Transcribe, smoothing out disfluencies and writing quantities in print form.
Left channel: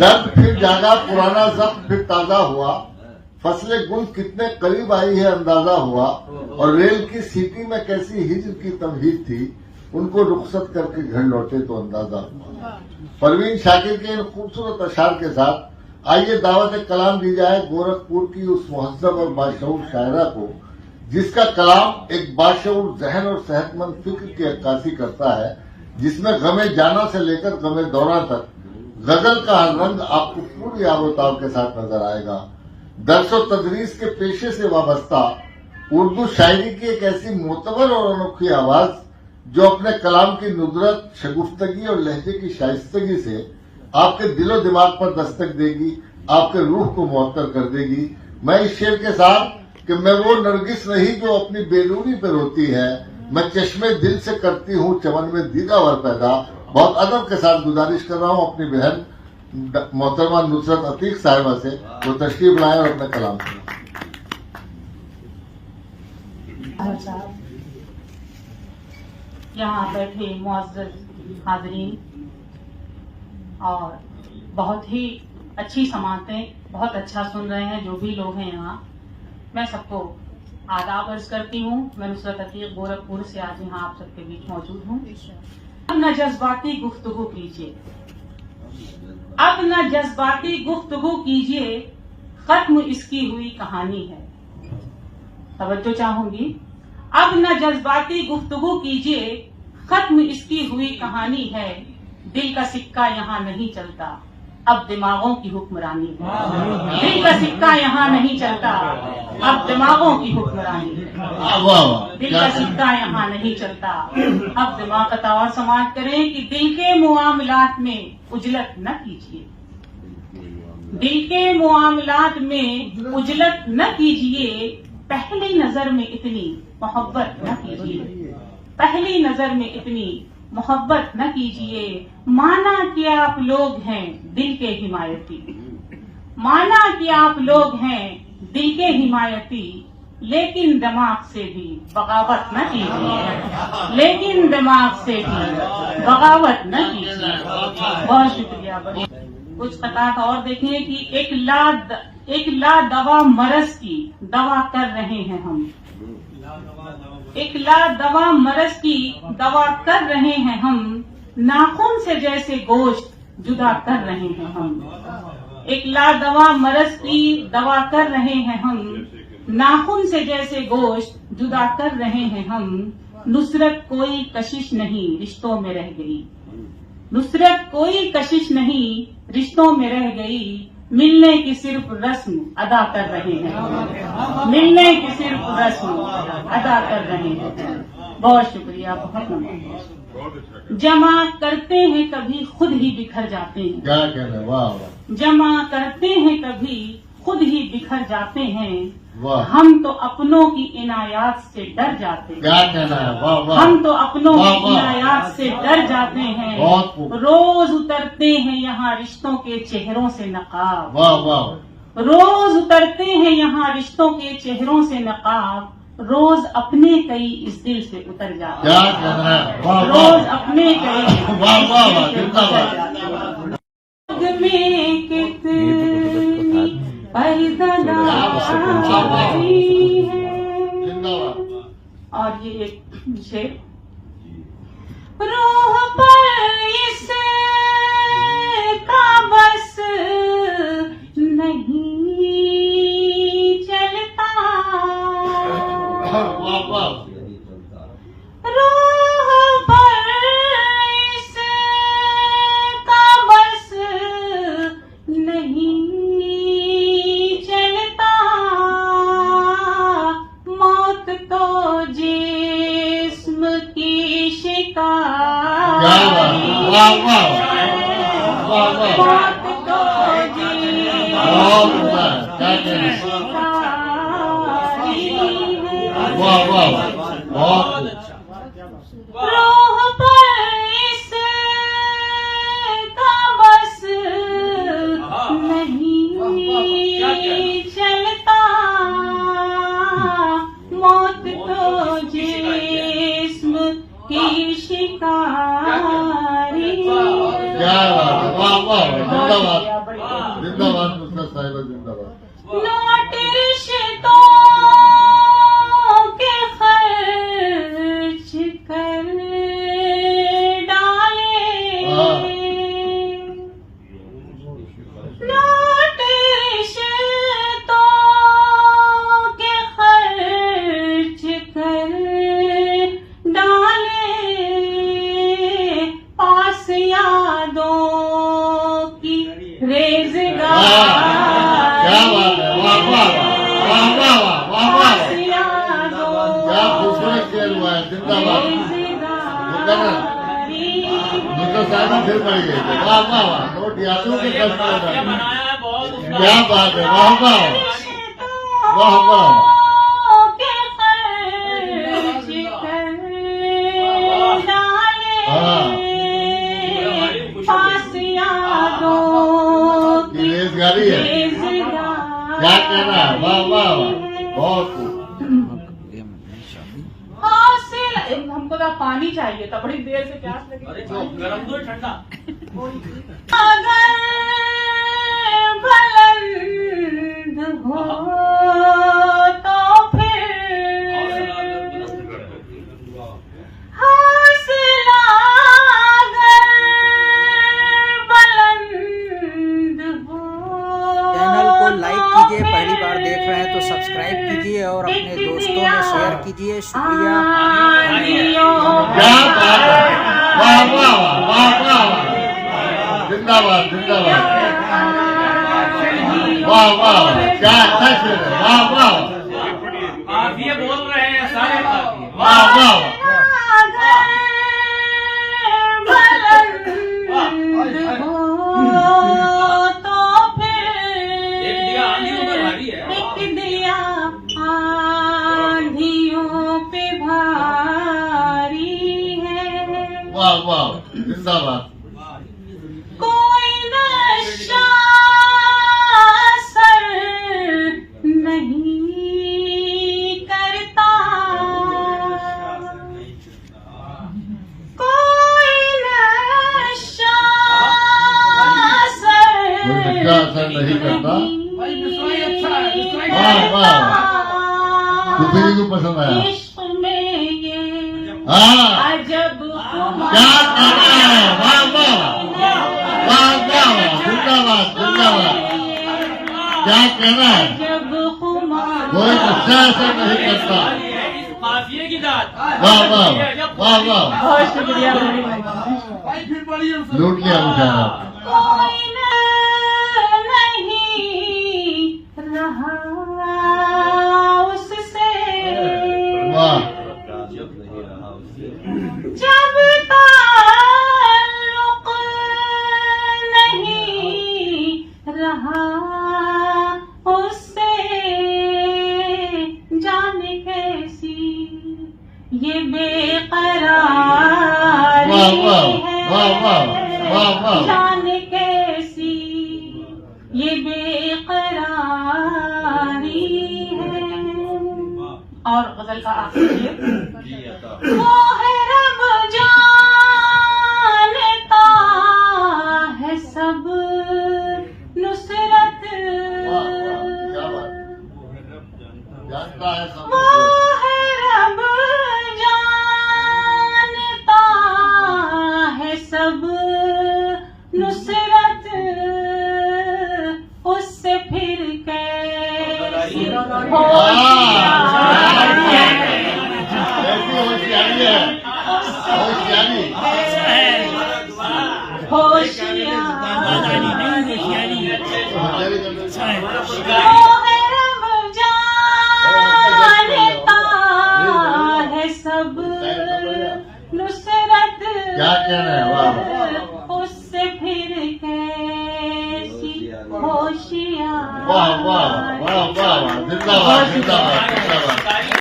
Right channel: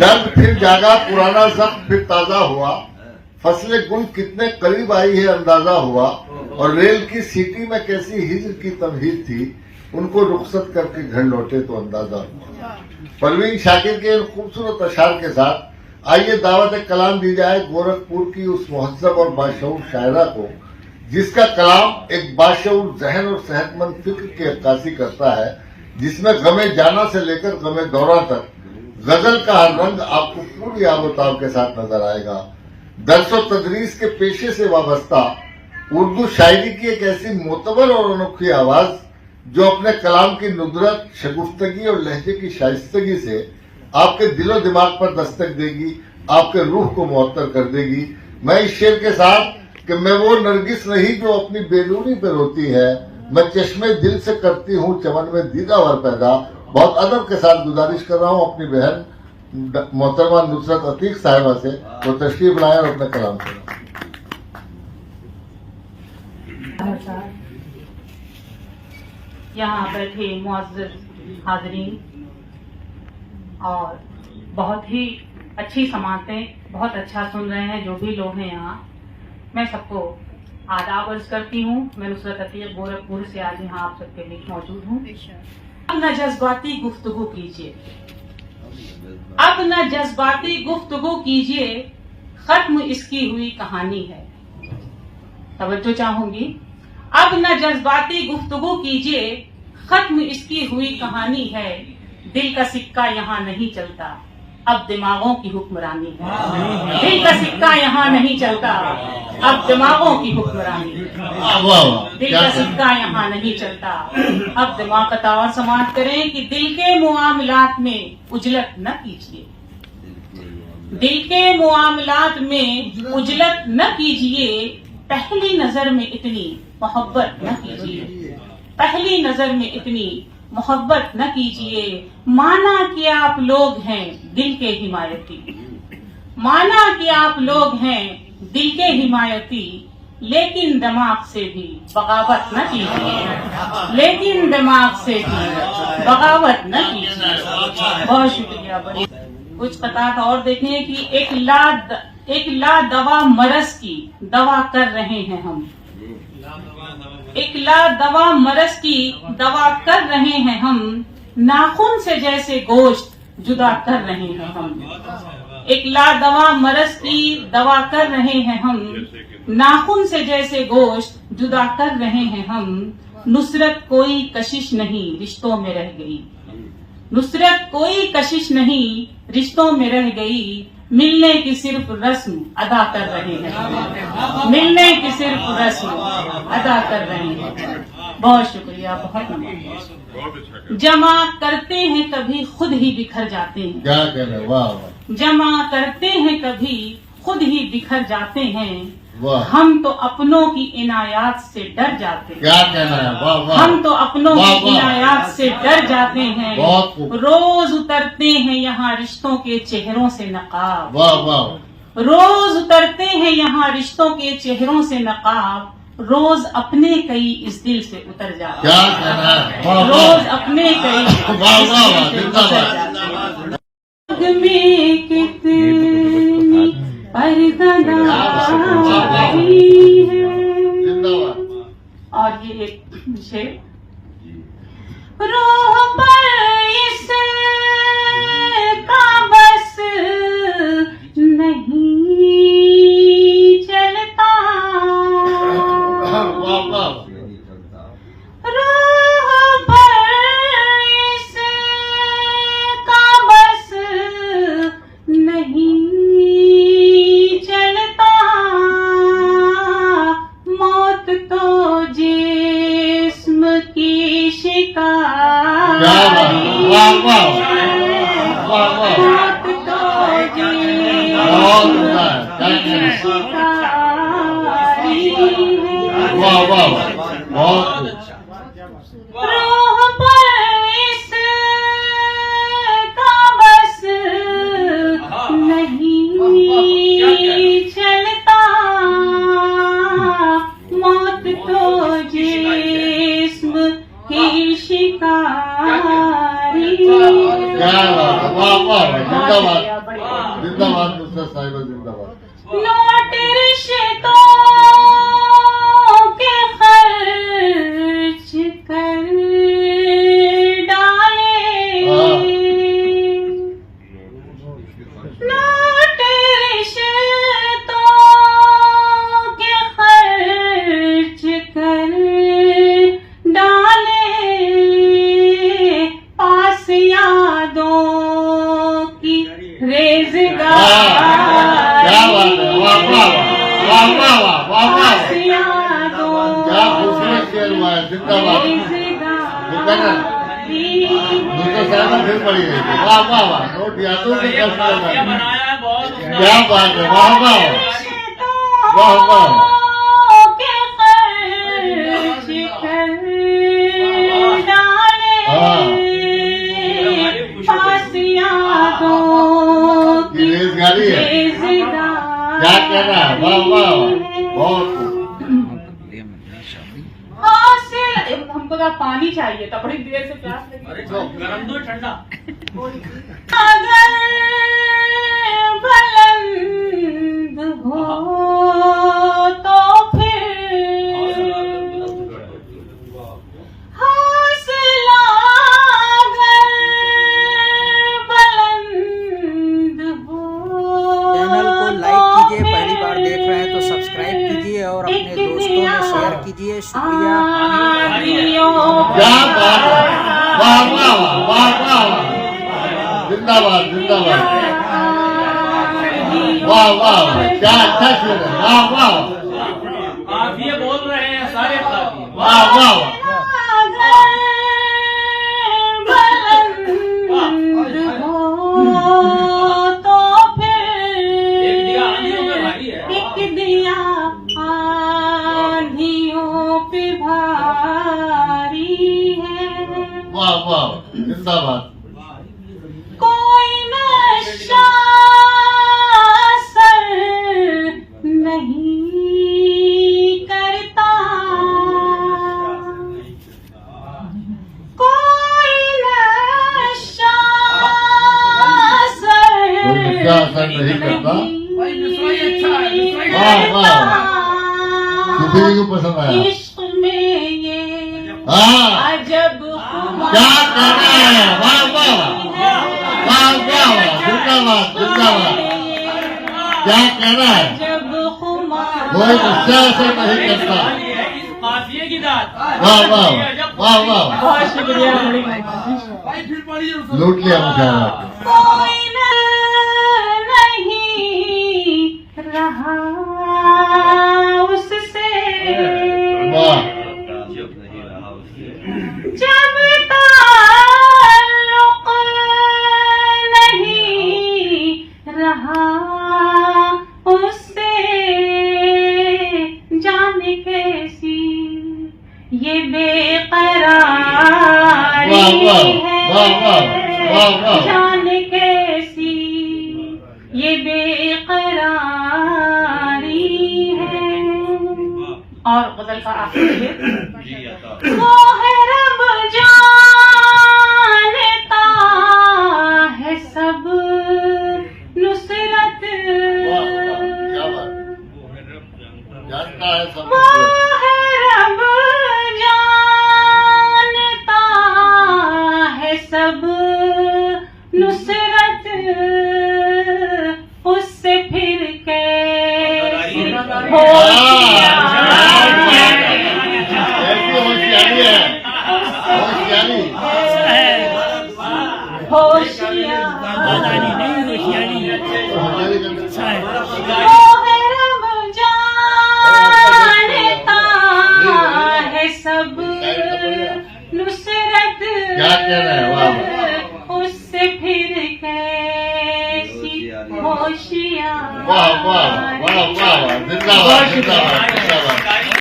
दर्द फिर जागा, पुराना जख्म फिर ताजा हुआ, फसलें गुल कितने करीब आई है अंदाजा हुआ, और रेल की सीटी में कैसी हिज्र की तमहीद थी, उनको रुखसत करके घर लौटे तो अंदाजा हुआ। परवीन शाकिर के इन खूबसूरत अशार के साथ आइए दावत कलाम दी जाए गोरखपुर की उस मुहज्जब और बाशऊर शायरा को, जिसका कलाम एक बाशऊर जहन और सेहतमंद फिक्र की अक्कासी करता है, जिसमें गमे जाना से लेकर गमे दौरा तक गजल का हर रंग आपको पूरी आबोताब के साथ नजर आएगा। दर्स और तदरीस के पेशे से वाबस्ता उर्दू शायरी की एक ऐसी मोतबर और अनोखी आवाज जो अपने कलाम की नुदरत, शगुफ्तगी और लहजे की शाइस्तगी से आपके दिलो दिमाग पर दस्तक देगी, आपके रूह को मुअत्तर कर देगी। मैं इस शेर के साथ कि मैं वो नरगिस नहीं जो अपनी बेलूनी पे रोती है, मैं चश्मे दिल से करती हूँ चमन में दीदावर पैदा, बहुत अदब के साथ गुजारिश कर रहा हूँ अपनी बहन मोहतरमा नुसरत अतीक साहिबा से, वो तशरीफ लाए और अपना कलाम करें। यहाँ बैठे मुअज़्ज़ज़ हाज़रीन और बहुत ही अच्छी समातें, बहुत अच्छा सुन रहे हैं जो भी लोग हैं यहाँ, मैं सबको आदाब अर्ज करती हूँ। मैं नुसरत अतीक गोरखपुर से आज यहाँ आप सबके बीच मौजूद हूँ। अब न जज्बाती गुफ्तगू कीजिए, अब न जज्बाती गुफ्तगू कीजिए, खत्म इसकी हुई कहानी है। तवज्जो चाहूंगी। अब न जज्बाती गुफ्तगू कीजिए, खत्म इसकी हुई कहानी है। दिल का सिक्का यहाँ नहीं चलता, अब दिमागों की हुक्मरानी है। दिल का सिक्का यहाँ नहीं चलता, अब दिमागों की हुक्मरानी है। दिल का सिक्का यहाँ नहीं चलता, अब दिमाग का तावर समाप्त करें कि दिल के मुआमलात में उजलत न कीजिए। दिल के मुआमलात में उजलत न कीजिए, पहली नजर में इतनी मोहब्बत न कीजिए। पहली नजर में इतनी मोहब्बत न कीजिए। माना कि आप लोग हैं दिल के हिमायती, माना कि आप लोग हैं दिल के हिमायती, लेकिन दिमाग से भी बगावत न कीजिए। लेकिन दिमाग से भी बगावत न कीजिए। बहुत शुक्रिया। कुछ कतार और देखिए कि एक ला दवा मरज की दवा कर रहे हैं हम। एक ला दवा मरज की दवा कर रहे हैं हम, नाखून से जैसे गोश्त जुदा कर रहे हैं हम। एक ला दवा मरज की दवा कर रहे हैं हम, नाखून से जैसे गोश्त जुदा कर रहे हैं हम। नुसरत कोई कशिश नहीं रिश्तों में रह गई, नुसरत कोई कशिश नहीं रिश्तों में रह गई। मिलने की सिर्फ रस्म अदा कर रहे हैं, मिलने की सिर्फ रस्म अदा कर रहे हैं। बहुत शुक्रिया, बहुत नमस्कार। जमा करते हैं कभी खुद ही बिखर जाते हैं, क्या कहना, वाह। जमा करते हैं कभी खुद ही बिखर जाते हैं, वाह। हम तो अपनों की इनायात से डर जाते हैं। क्या कहना है, वाह वाह। हम तो अपनों वाह, की वाह। इनायात से डर जाते हैं। बहुत खूब। रोज उतरते हैं यहाँ रिश्तों के चेहरों से नकाब, वाह वाह। रोज उतरते हैं यहाँ रिश्तों के चेहरों से नकाब। रोज अपने कई इस दिल से उतर जाते क्या हैं, कहना है, वाह वाह। रोज अपने कई इस वाह, दिल वाह, से उतर वाह। जाते हैं। में कितने पर्दा है। जिंदाबाद। और ये एक शेर, रूह पर इसका बस नहीं चलता, वाह वाह। रूह पर इसका बस नहीं चलता, मौत तो जिस्म की शिकारी है। वाह वाह। वाह वाह। मौत तो जिस्म की शिकारी है। वाह वाह। बहुत रूह पर इसका बस नहीं चलता, मौत तो जिस्म की शिकारी है। क्या, वाह वाह। जिंदाबाद। बड़ी जिंदाबाद मिस्टर साहिबा, जिंदाबाद। लौट रिश्तों के खर्च कर डाले, लौट रिश्तों के खर्च कर डाले, पास यादों की रेज़गार। क्या बात है, वाह वाह वाह वाह वाह वाह वाह, क्या खूबसूरत शेर हुआ है, जिंदाबाद। मिस्टर साहिबा फिर पड़ी गई, वाह वाह वाह, नोट यादों के कष्ट कर रहे हैं। क्या बात है, वाह वाह वाह वाह। रेज़गारी है, क्या कहना है, वाह वाह वाह, बहुत खूब। हमको तो पानी चाहिए था, बड़ी देर से प्यास लगी। गरम दो ठंडा। अगर बुलंद हो तो फिर हौसला, अगर बुलंद हो। चैनल को लाइक कीजिए, पहली बार देख रहे हैं तो सब्सक्राइब कीजिए और अपने दोस्तों में शेयर कीजिए। शुक्रिया। क्या बात है, वाह वाह वाह वाह वाह, जिंदाबाद जिंदाबाद, वाह वाह वाह, क्या अच्छा शेर है, वाह वाह काफिए बोल रहे हैं सारे काफिए। वाह वाह वाह। एक दिया आंधियों में भारी है। एक दिया आंधियों पे भारी है, वाह वाह, जिंदाबाद। कोई नशा असर नहीं करता, कोई नशा असर नहीं करता। वाह वाह, किसी को पसंद आया। इश्क में ये हाँ, अजब क्या कहना है, वाह वाह वाह वाह, जिंदाबाद जिंदाबाद, क्या कहना है, जब कोई गुस्सा ऐसा नहीं करता। काफिए की दाद। वाह वाह वाह वाह, बहुत शुक्रिया। लूट लिया मुझे। कोई नहीं रहा उससे, वाह, जब ताल्लुक नहीं रहा उससे, जाने कैसी ये बेकरारी वाह वाह वाह वाह वाह है, वाह, जाने कैसी ये बेकरारी है। और गजल का आखिरी वो है रब जानता है सब नुसरत, वाह वाह, क्या बात, जानता है सब वो कुछ। है रब जानता है सब नुसरत, उससे फिर कैसी होशियारी है, होशियारी, होशियारी करते हैं। जानता है सब नुसरत, क्या कहना है, वाह उससे फिर कैसी होशियार। वाह वाह वाह वाह, जिंदाबाद जिंदाबाद।